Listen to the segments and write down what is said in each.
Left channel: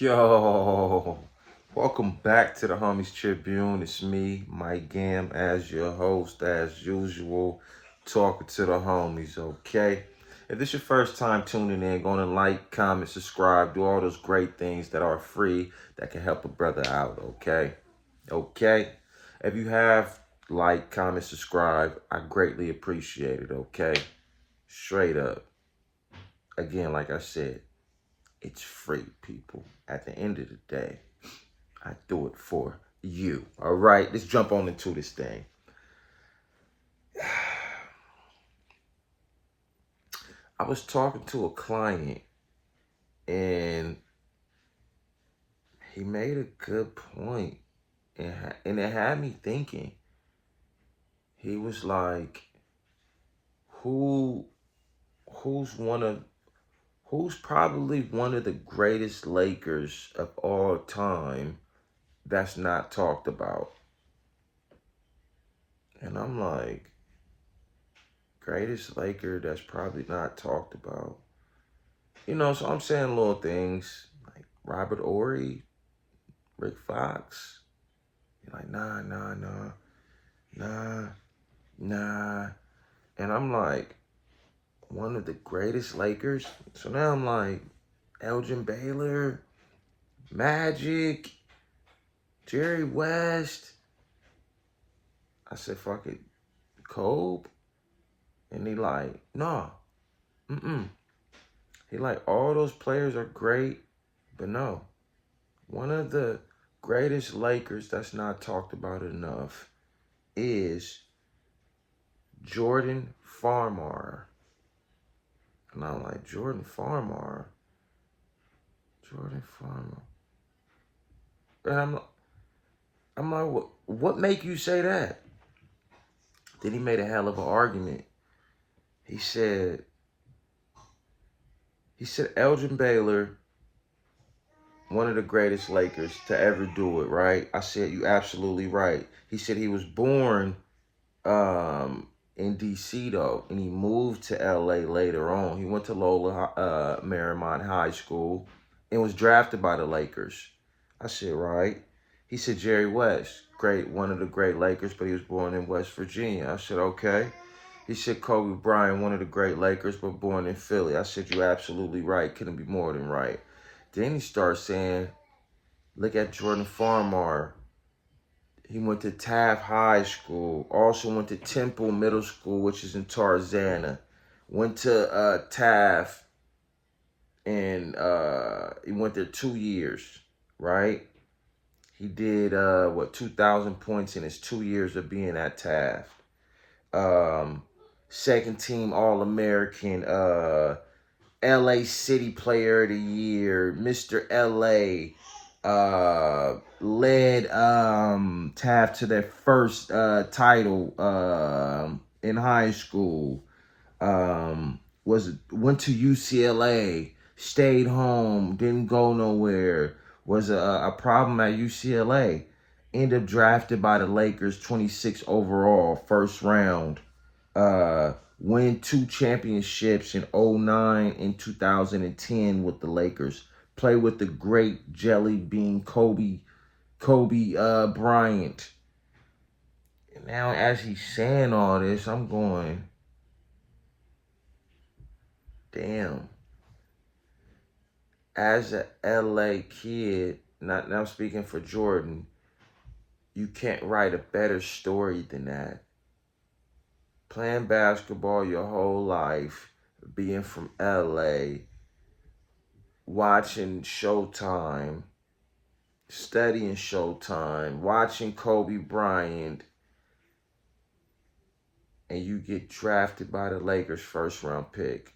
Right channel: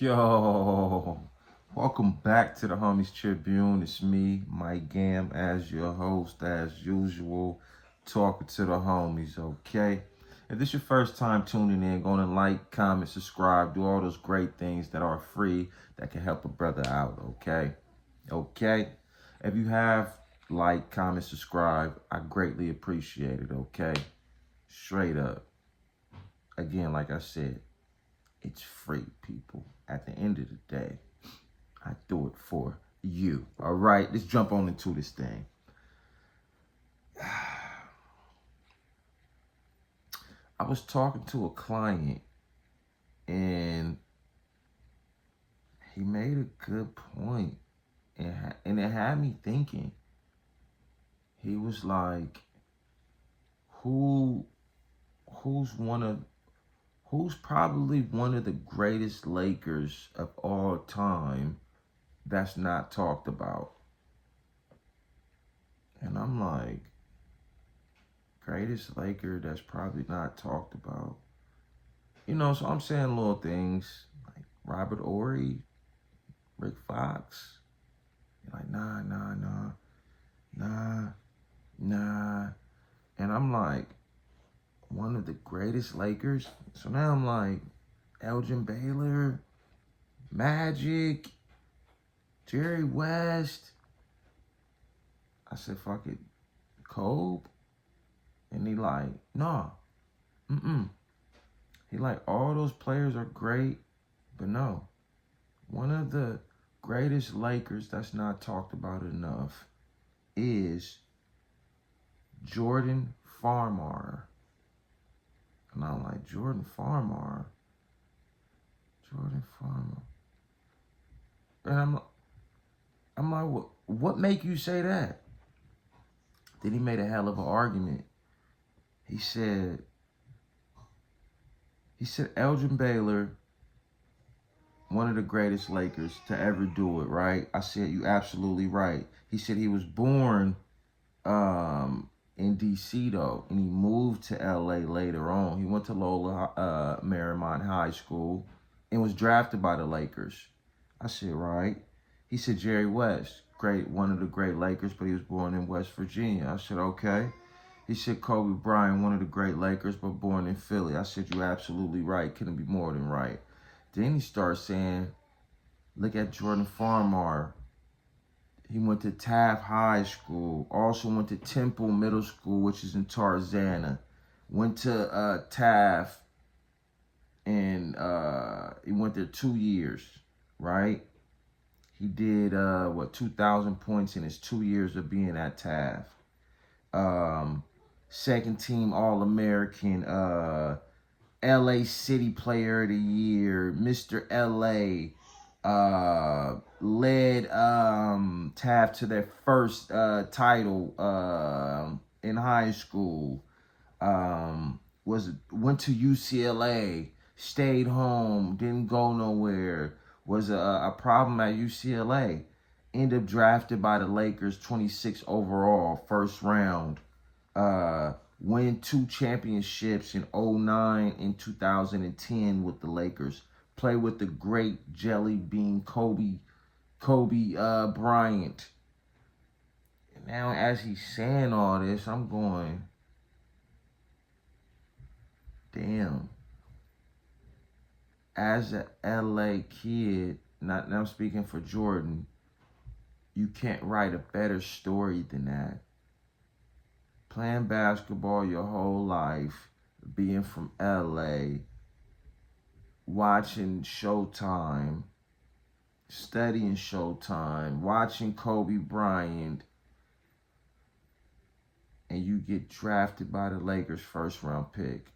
Yo, welcome back to the Homies Tribune. It's me, Mike Gam, as your host, as usual, talking to the homies, okay? If this is your first time tuning in, go to like, comment, subscribe, do all those great things that are free that can help a brother out, okay? Okay? If you have like, comment, subscribe, I greatly appreciate it, okay? Straight up. Again, like I said, it's free, people. At the end of the day, I do it for you. All right, let's jump on into this thing. I was talking to a client and he made a good point, and it had me thinking. He was like, "Who, who's one of, who's probably one of the greatest Lakers of all time that's not talked about?" And I'm like, greatest Laker that's probably not talked about. So I'm saying little things like Robert Ory, Rick Fox. You're like, nah. And I'm like, one of the greatest Lakers. So now I'm like, Elgin Baylor, Magic, Jerry West. I said, fuck it, Kobe. And he like, nah, He like, all those players are great, but no. One of the greatest Lakers that's not talked about enough is Jordan Farmar. And I'm like, Jordan Farmar? And I'm like, what make you say that? Then he made a hell of an argument. He said Elgin Baylor, one of the greatest Lakers to ever do it, right? I said, you absolutely right. He said he was born in D.C. though, and he moved to L.A. later on. He went to Lola Marymount High School and was drafted by the Lakers. I said, right. He said Jerry West, one of the great Lakers, but he was born in West Virginia. I said, okay. He said Kobe Bryant, one of the great Lakers, but born in Philly. I said, you're absolutely right. Couldn't be more than right. Then he starts saying, look at Jordan Farmar. He went to Taft High School. Also went to Temple Middle School, which is in Tarzana. Went to Taft, and he went there 2 years, right? He did, 2,000 points in his 2 years of being at Taft. Second team All-American, LA City Player of the Year, Mr. LA, led Taft to their first title in high school. Went to UCLA, stayed home, didn't go nowhere. Was a problem at UCLA. Ended up drafted by the Lakers, 26 overall, first round. Win 2 championships in 2009 and 2010 with the Lakers. Play with the great Jelly Bean Kobe Bryant. And now as he's saying all this, I'm going, damn. As a LA kid, now I'm speaking for Jordan, you can't write a better story than that. Playing basketball your whole life, being from LA, watching Showtime, studying Showtime, watching Kobe Bryant, and you get drafted by the Lakers first round pick.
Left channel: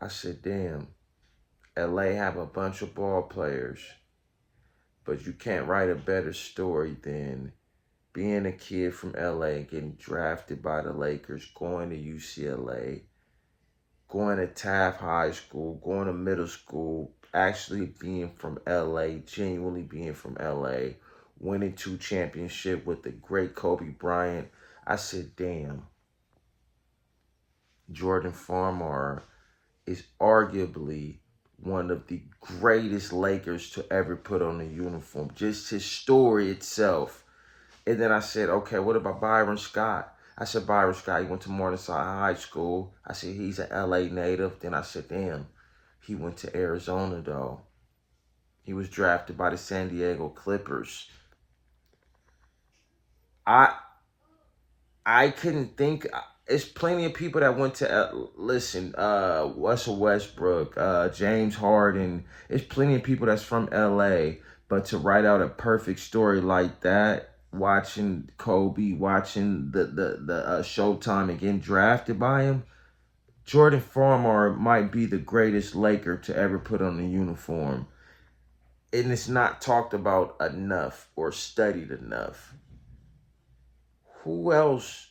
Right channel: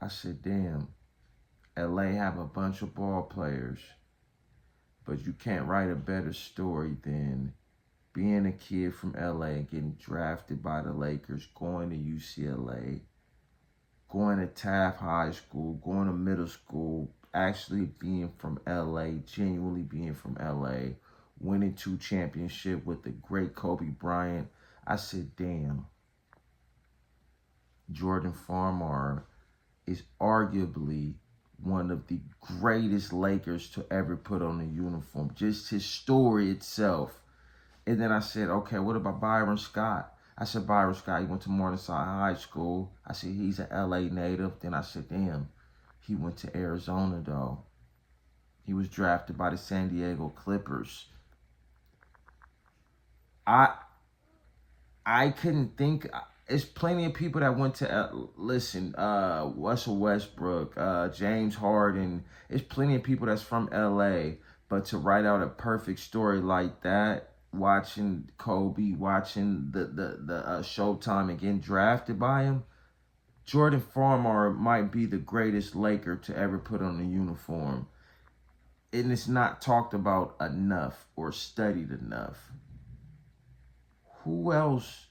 I said, damn, LA have a bunch of ball players, but you can't write a better story than being a kid from LA, getting drafted by the Lakers, going to UCLA, going to Taft High School, going to middle school, actually being from LA, genuinely being from LA, winning 2 championships with the great Kobe Bryant. I said, damn, Jordan Farmar is arguably one of the greatest Lakers to ever put on a uniform. Just his story itself. And then I said, okay, what about Byron Scott? I said, Byron Scott, he went to Morningside High School. I said, he's an LA native. Then I said, damn, he went to Arizona, though. He was drafted by the San Diego Clippers. I couldn't think. There's plenty of people that went to listen. Russell Westbrook, James Harden. There's plenty of people that's from L.A. But to write out a perfect story like that, watching Kobe, watching the Showtime and getting drafted by him, Jordan Farmar might be the greatest Laker to ever put on a uniform, and it's not talked about enough or studied enough. Who else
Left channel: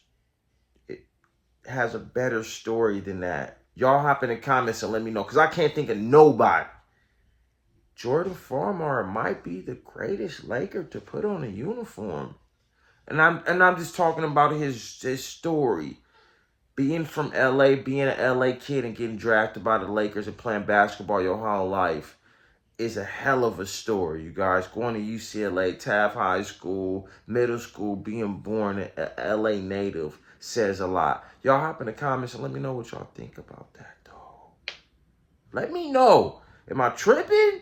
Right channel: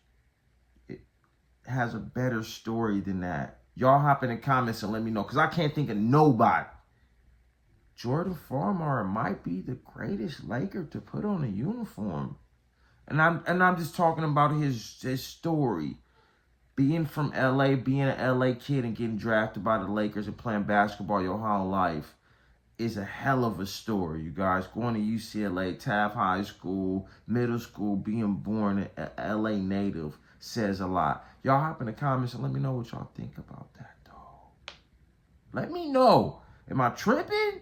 has a better story than that? Y'all hop in the comments and let me know, because I can't think of nobody. Jordan Farmar might be the greatest Laker to put on a uniform. And I'm just talking about his story. Being from LA, being an LA kid and getting drafted by the Lakers and playing basketball your whole life is a hell of a story, you guys. Going to UCLA, Taft High School, middle school, being born an LA native says a lot. Y'all hop in the comments and let me know what y'all think about that, though. Let me know. Am I tripping?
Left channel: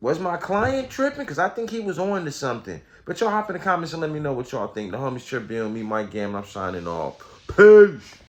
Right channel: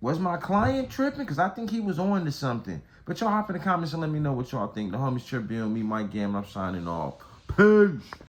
Was my client tripping? Because I think he was on to something. But y'all hop in the comments and let me know what y'all think. The homies Tribune, me, Mike Gammon, I'm signing off. Peace.